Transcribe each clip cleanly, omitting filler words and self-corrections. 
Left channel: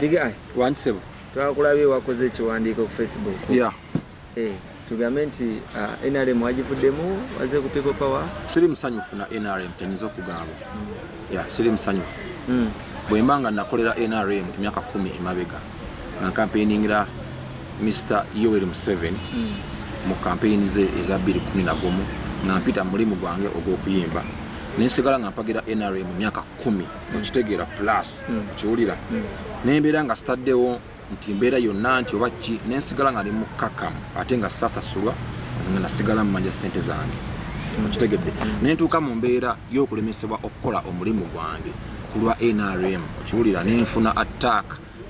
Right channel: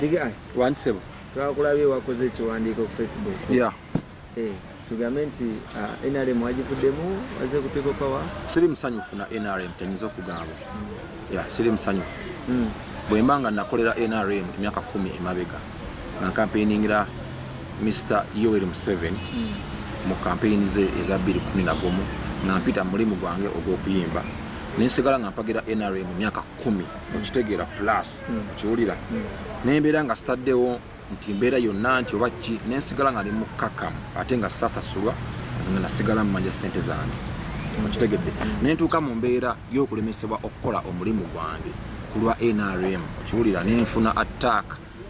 Diga wansebo twakulabye wakoze ekiwandiiko ku Facebook. Yeah. Tugambe nti NRM wagivuddemu waze ku PeoplePower. Siri musanyufu na NRM tenyiza okugamba. Siri musanyufu. Bwe mbanga nakolera NRM emyaka 10 emabega nga campaigningira Mr. Yoweri Museveni mu campaign ze eza 2011 nga mpita mulimu gwange ogw'okuyimba nensigala nga mpagira NRM emyaka 10 okitegeera plus okiwulira nembeera nga sitaddewo nti mbeera yonna nti oba ki nensigala nga ndi mu kakamu ate nga sasasulwa nga nasigala mu manja ssente zange okitegedde nentuuka mu mbeera y'okulemesebwa okukola omulimu gwange ku lwa NRM okiwulira nenfuna attack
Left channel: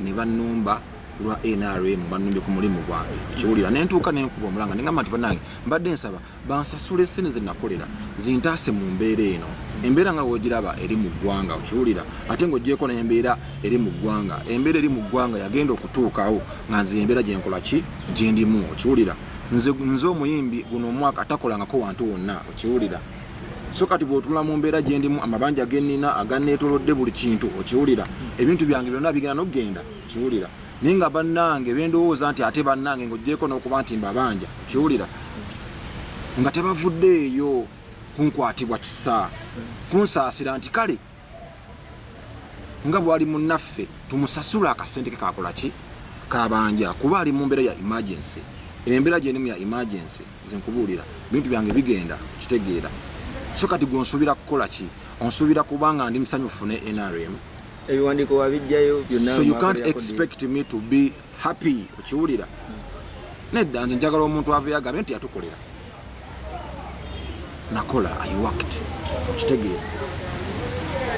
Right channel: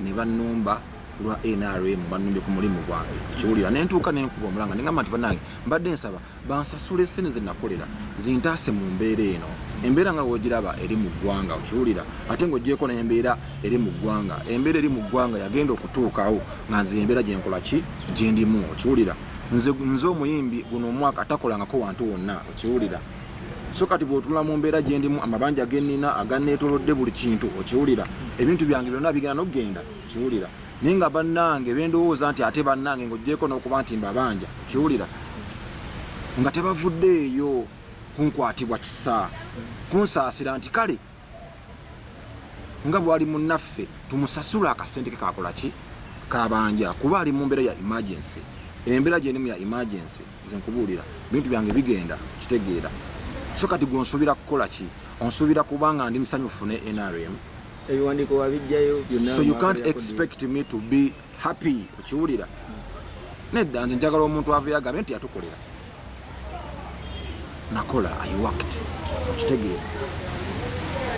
ne bannumba ku lwa NRM bannumbye ku mulimu gwange okiwulira nentuuka nenkuba omulanga nengamba nti bannange mbadde nsaba bansasule ssente ze nakolera zintaase mu mbeera eno embeera nga wogiraba eri mu ggwanga okiwulira ate ng'ogyeko n'embeera eri mu ggwanga embeera eri mu ggwanga yagenda okutuukawo nga nze embeera gyenkola ki gyendimu okiwulira nze omuyimbi guno omwaka atakolangako wantu wonna okiwulira so kati bw'otula mu mbeera gyendimu amabanja gennina aganneetolodde buli kintu okiwulira ebintu byange byonna bigenda n'okugenda okiwulira naye nga bannange bendowooza nti ate bannange ng'ogyeko n'okuba nti mbabanja okiwulira nga tebavuddeeyo kunkwatibwa kisa kunsaasira nti kale nga bwali munnaffe tumusasula akasente ke kakola ki kabanja kuba ali mu mbeera ya emergency embeera gyenimu ya emergency nze nkubuulira bintu byange bigenda kitegeera so kati gw'onsuubira kukola ki onsuubira kubanga ndi musanyufu ne NRM ebiwandiiko wabijjayo byonna so you can't expect me to be happy okiwulira nedda nze njagala omuntu aveyo agambye nti yatukolera nakola I worked okitegeera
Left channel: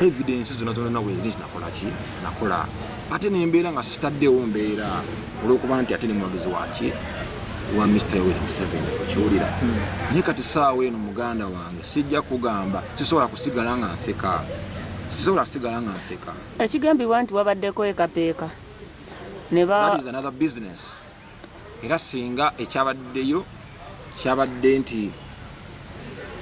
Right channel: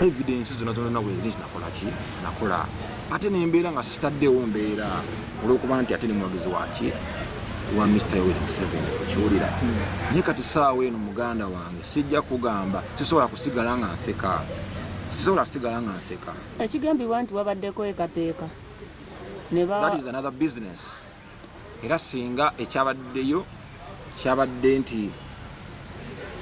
evidence zonna wezi nti nakola ki nakola ate nembeera nga sitaddewo mbeera olw'okuba nti ate ne muwagizi waki wa Mr. Yoweri Museveni okiwulira naye kati saawa eno muganda wange sijja kugamba sisobola kusigala nga nseka ekigambibwa nti wabaddeko ekapeeka that is another business era singa ekyabaddeyo kyabadde nti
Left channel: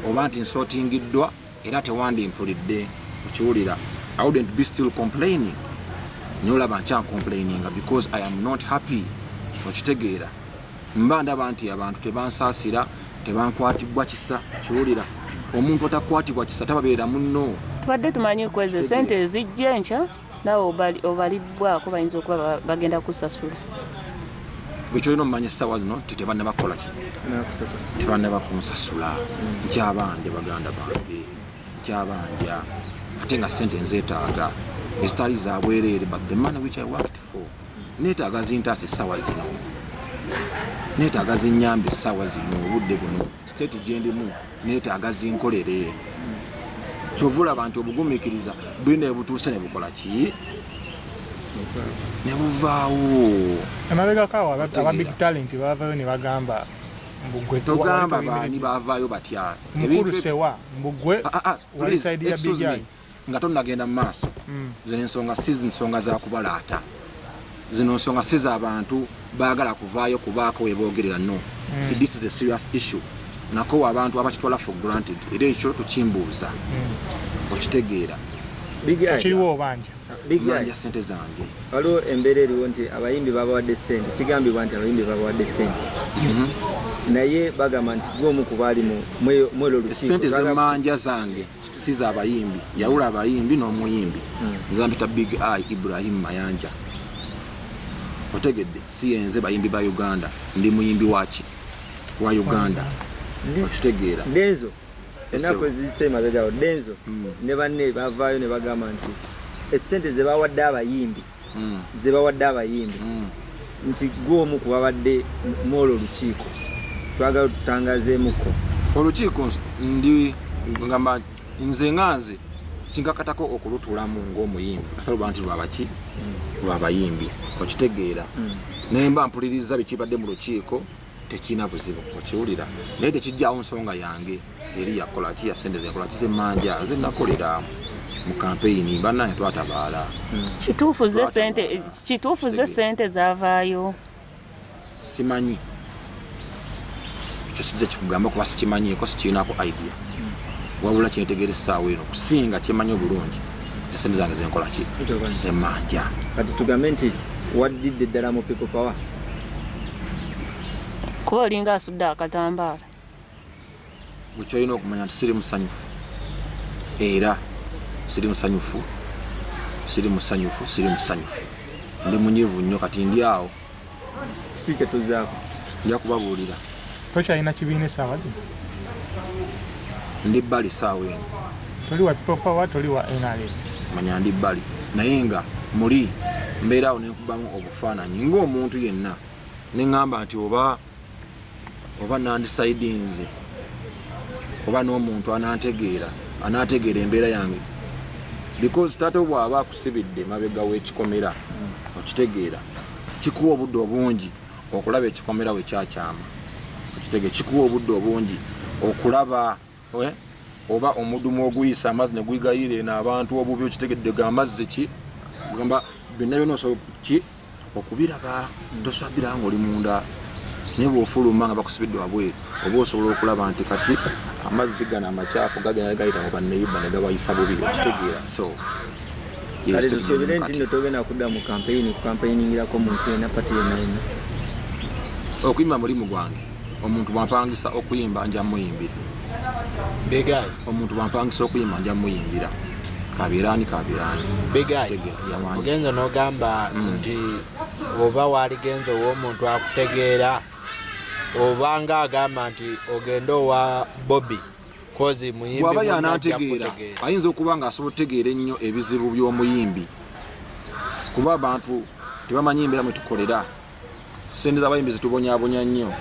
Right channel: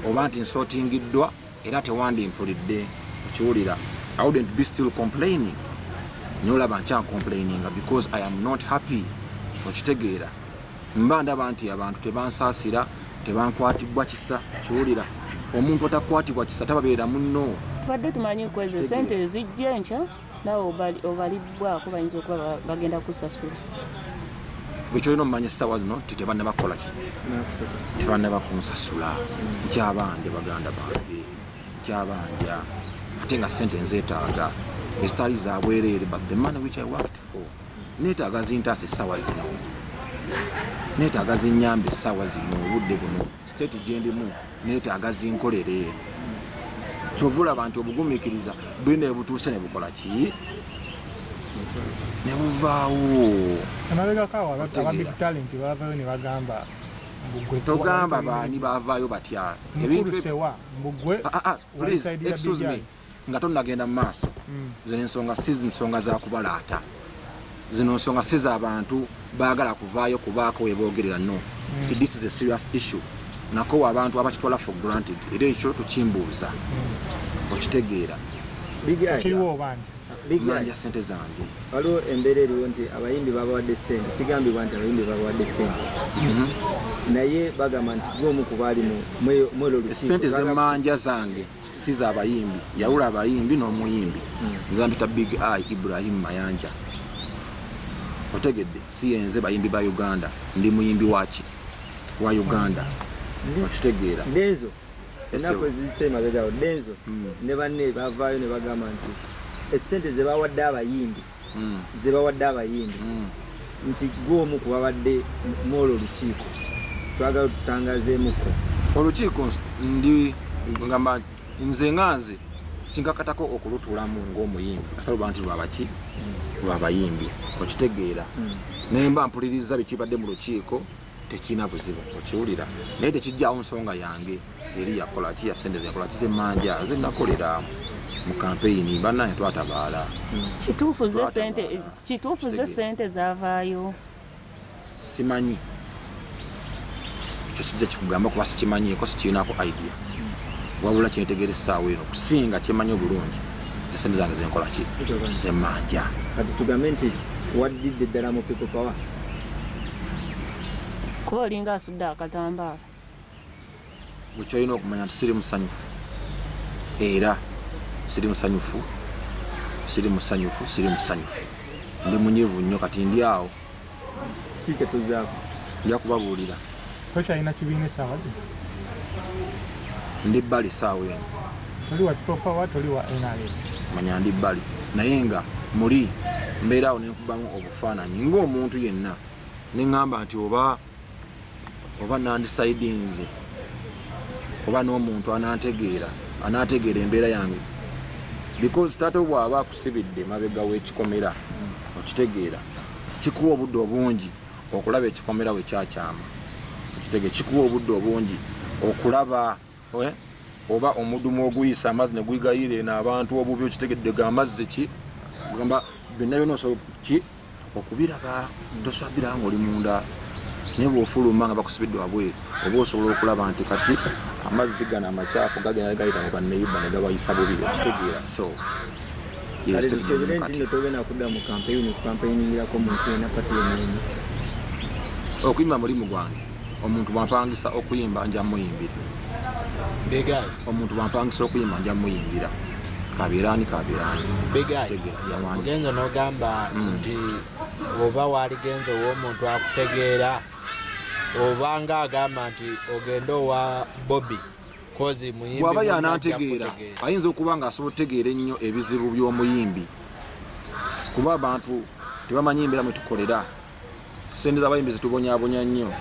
oba nti nsootingiddwa era tewandimpulidde okiwulira I wouldn't be still complaining nolaba nkyancomplaininga because I am not happy okitegeera mba ndaba nti abantu tebansaasira tebankwatibwa kisa kiwulira omuntu atakwatibwa kisa tababeera munno tubadde tumanyi kweze sente ezijja enkya nawe obalibwako bayinza okuba bagenda kusasula bwekyolina omumanyi essaawa zino tebanne bakola ki tebanne bakunsasula nkyabanja baganda bange nkyabanja ate nga sente nzeetaaga ezitali za bwereere but the money which I worked for neetaaga zintaasa essaawa zino neetaaga zinyambe essaawa zino obudde buno state gyendimu neetaaga zinkolere kyovula abantu obugumiikiriza bwine ebutuuse ne bukola ki ne buvaawo emabegakawo aba big talent bavaayo ne bagamba togamba baani bavaayo batya ebintusewa mbugwe excuse me nga tonnagenda mu maaso zino ensonga si nsonga za kubalaata zino nsonga si z'abantu baagala kuvaayo kubaako weboogerera no this is a serious issue nako abantu abakitwala for granted era ekyo tukimbuuza okitegeera kiriwo banja sente zange waliwo embeera eriwo nti abayimbi babawadde sente kigambibwa nti abayimbi babawadde sente naye bagamba nti gwomu ku baali mwelo lukiiko sente zemmanja zange si z'abayimbi yawula abayimbi n'omuyimbi zampita Big Eye Ibrahim Mayanja otegedde si yenze bayimbi ba Uganda ndi muyimbi waki wa Uganda okitegeera denzo ennaku eziyise emabegaawo denzo ne banne bavaayo ne bagamba nti essente ze bawadde abayimbi nti gw'omu ku babadde mwolwo olukiiko twagala tutangazeemuko olukiiko ndi ngamba nze nganze kinkakatako okulutuulamu ng'omuyimbi asaluba nti lwabaki lwabayimbi okitegeera naye mba mpuliriza bikibadde mu lukiiko tekina buzibu okiwulira naye tekijjaawo nsonga yange eri yakola ki yasente zeyakola ki zemmanja zenakolera mu kampeyini bannange twatabaala kituufu ze sente zavaayo simanyi ekyo sijja kikugamba kuba sikimanyiiko sikirinako idea wabula kyentegeresa awo eno kusinga kyemanyi obulungi zisente zange zenkola ki zemmanja. Kati tugambe nti waddidde ddala mu people power kuba olinga asudde akatambaala. Bwe kyolina okumanya nti siri musanyufu era siri musanyufu ndi munyivu nnyo kati ndi awo kiki kyetuzaako nja kubabuulira. Tokyalina kibiina essaawa zino? Ndi bbali saawa eno. Toli wa PeoplePower, toli wa NRM? Manya ndi bbali naye nga muli mbeera awo nenkubamu obufaananyi ng'omuntu yenna neŋŋamba nti oba nandisaidinze oba n'omuntu anaategeera embeera yange because taata bw'aba akusibidde mabega w'ekikomera okitegeera kikuwa obudde obungi okulaba ekikomera we kyakyama okitegeera kikuwa obudde obungi okulaba oba omudumu oguyisa amazzi ne gwigayire n'abantu obubi okitegedde gamazzi ki gamba byonna byonna osobola ki okubiraba tosabira nga oli munda naye bw'ofuluma nga bakusibidde wabweru oba osobola okulaba nti kati amazzi gano amakyafu gagenda gayita mu banneyiba ne gabayisa bubi okitegeera. So tusobole nti nno togenda kudda mu kukampeyiningirako omuntu yenna pati yenna. Okuyimba mulimu gwange. Omuntu bwampangisa okuyimba nja muyimbira. Begai. Omuntu bwampangisa okuyimba nja muyimbira. Kabirani. Begai. Mugenzo n'ogamba nti oba waligenzo w'omuntu akutegeera oba nga agamba nti ogenda owa Bobby kozi muyimbi waba yanantegeera ayinza okuba nga asobola otegeera ennyo ebizibu by'omuyimbi kuba abantu tebamanyi embeera mwe tukolera sente z'abayimbi zitubonyaabonya nnyo.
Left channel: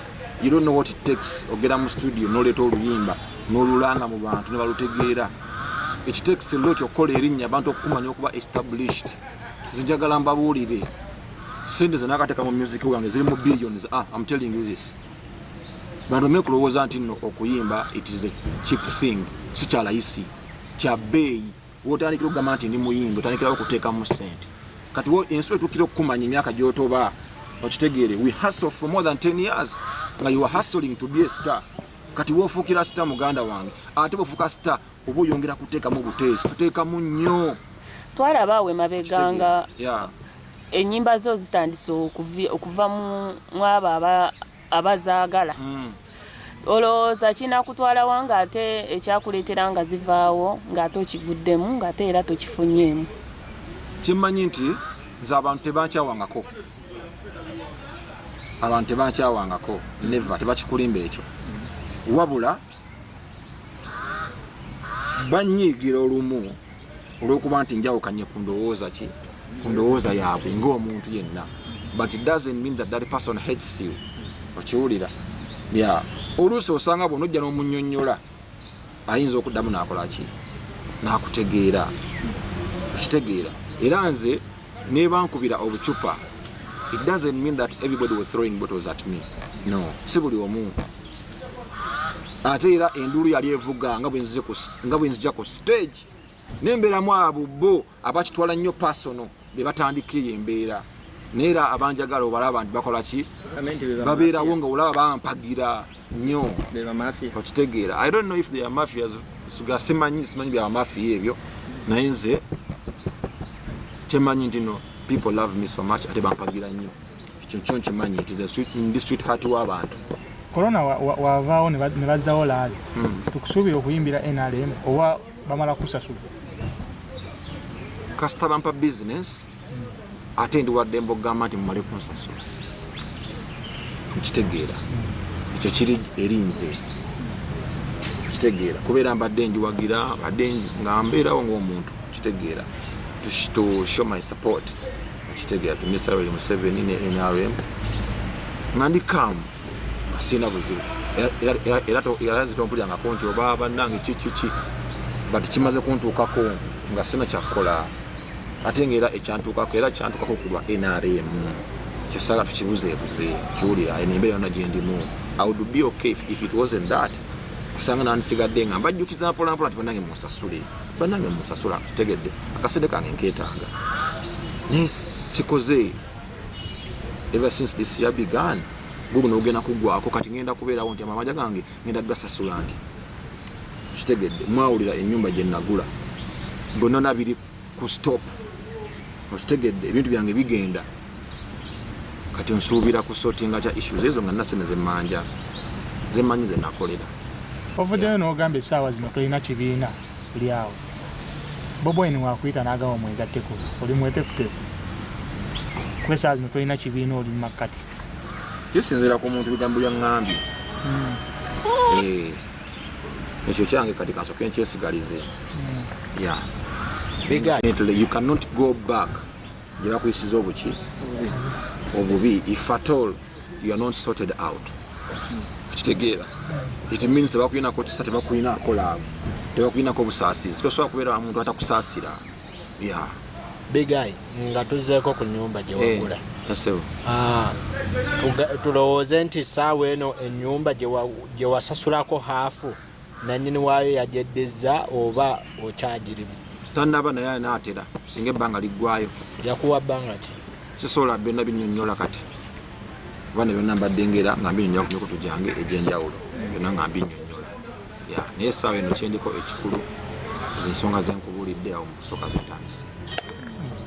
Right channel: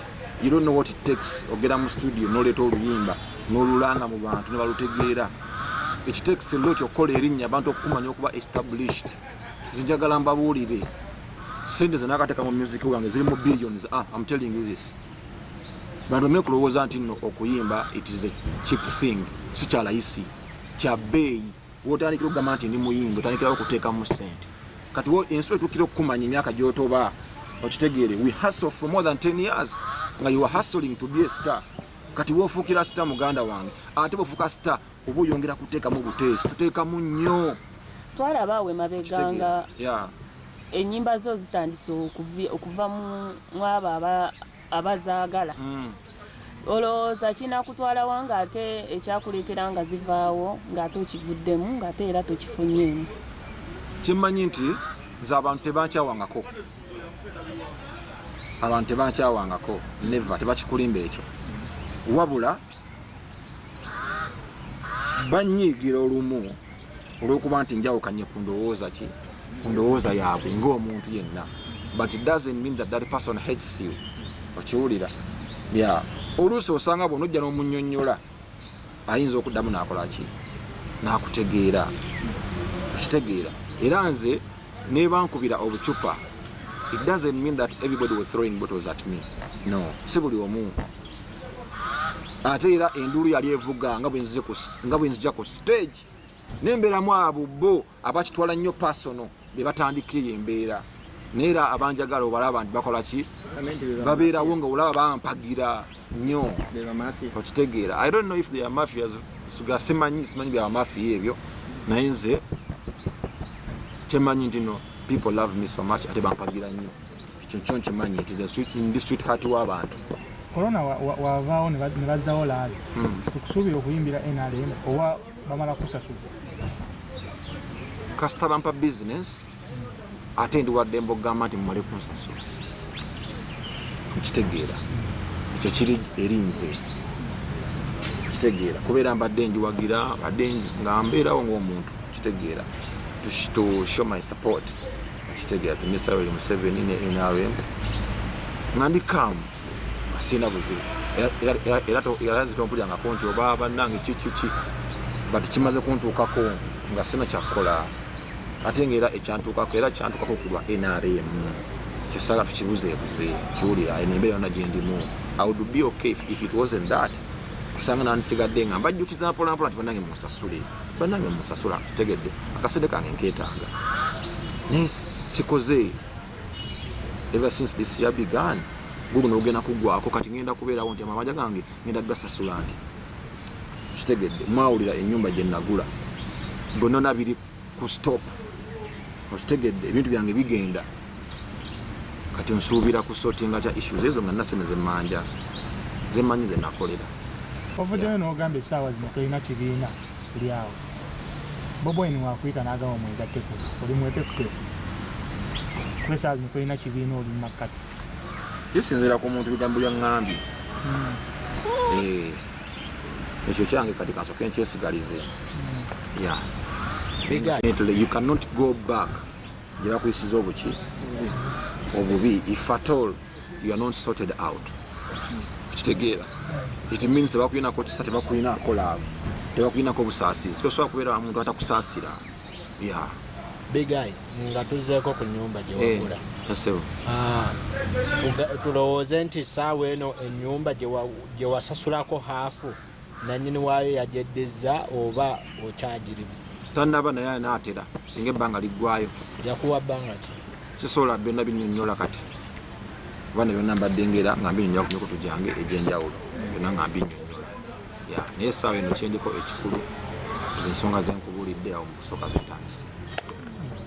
You don't know what it takes ogera mu studio n'oleeta oluyimba n'olulanga mu bantu ne balutegeera. It takes a lot okukola erinnya abantu okumanya okuba established. Zinjagala mbabuulire sente ze nakateeka mu music wange ziri mu billions. I'm telling you this. Bantu bamenya kulowooza nti nno okuyimba it is a cheap thing, si kya layisi, kya bbeeyi. Wotandikira okugamba nti ndi muyimbi otandikirawo okuteekamu ssente. Kati ensi etuukira okukumanya emyaka gy'otoba okitegeere. We hustle for more than 10 years nga you are hustling to be a star. Kati woofuukira star muganda wange ate bw'ofuuka star oba oyongera kuteekamu obuteesi tuteekamu nnyo. Twalaba awo emabeganga ennyimba zo zitandise okuva mu abo abazaagala. Olowooza kinakutwala wanga ate ekyakuleetera nga zivaawo ng'ate okivuddemu ng'ate era tokifunyeemu? Kimmanyi nti nze abantu tebankyawangako neva tebakikulimba ekyo wabula banyiigira olumu olw'okuba nti njawukanye ku ndowooza yaabwe ng'omuntu yenna, but it doesn't mean that that person hates you. Okiwulira? Oluusi osanga bw'onojja n'omunnyonnyola ayinza okuddamu n'akola ki n'akutegeera okitegeera. Era nze nebankubira obucupa it doesn't mean that everybody was throwing bottles at me. No, si buli omu. Ate era enduulu yali evuga nga bwe nzija ku stage nembeeramu abo bo abakitwala nnyo personal be batandikira embeera naye era abanjagala obalaba nti bakola ki babeerawo nga olaba bampagira nnyo okitegeera. I don't know if they are mafias simanyi bya mafia ebyo naye nze kyemanyi nti no people love me so much ate bampagira nnyo ekyo kyo nkimanyi nti ndi sweetheart w'abantu. Corona wavaawo ne bazzawo laali tukusuubira okuyimbira NRM oba bamala kusasula kasita bampa business ate ndi waddembe okugamba nti mumale kunsasula nkitegeera ekyo kiri erinze kitegeera kubeera mbadde njiwagira badde nga mbeerawo ng'omuntu kitegeera to show my support kitegeera to Mr. William Museveni ne NRM nga ndi calm sina buzibu era zitompulirangako nti oba bannange kiki but kimaze kuntuukako nga sina kyakukola ate ngaera ekyantuukako era kyantuukako kulwa NRM kyosala tukibuzeebuze kiwulira embeera yonna gye ndimu. I would be okay if it wasn't that kusanga nandisigadde nga mbajjukiza mpolampola nti bannange munsasula tutegedde akasede kange nkeetaaga naye sikoze ever since this year began guno ogenda kugwako kati ngenda kubeerawo nti amamaja gange ngenda gasasula nti kitegedde mwawulira ennyumba gye nagula bonna biri ku stop kitegedde ebintu byange bigenda kati nsuubira ku sortinga kya issues ezo nga nasene zemanyi ze nakolera ovuddeyo n'ogamba essaawa zino tolina kibiina buli awo Bobi Wine wakuyita n'agamba mwegatteko oli mwetefutefu kuba essaawa zino tolina kibiina oli mu makkati kisinziira ku muntu bigambo bya ŋŋambye ekyo kyange kati kansoke nkyesigalize you cannot go back gye bakuyisiza obubi if at all you are not sorted out kitegeera it means tebakuyinako kisa tebakuyinako love tebakuyinako busaasizi tosobola kubeera muntu atakusaasira Big Eye nga tuzeeko ku nnyumba gye wagula tulowooze nti essaawa eno ennyumba gye wasasulako haafu nannyini waayo yagyeddiza oba okyagirimu tannaba naye anaatera singa ebbanga liggwayo yakuwa bbanga ki sisobola byonna binnyonnyola kati oba ne byonna mbadde ngera nga mbinyonnyola ku mikutu gyange egy'enjawulo byonna nga mbinyonnyola naye essaawa eno kyendiko ekikulu ensonga zenkubulidde awo mu kusooka zentandise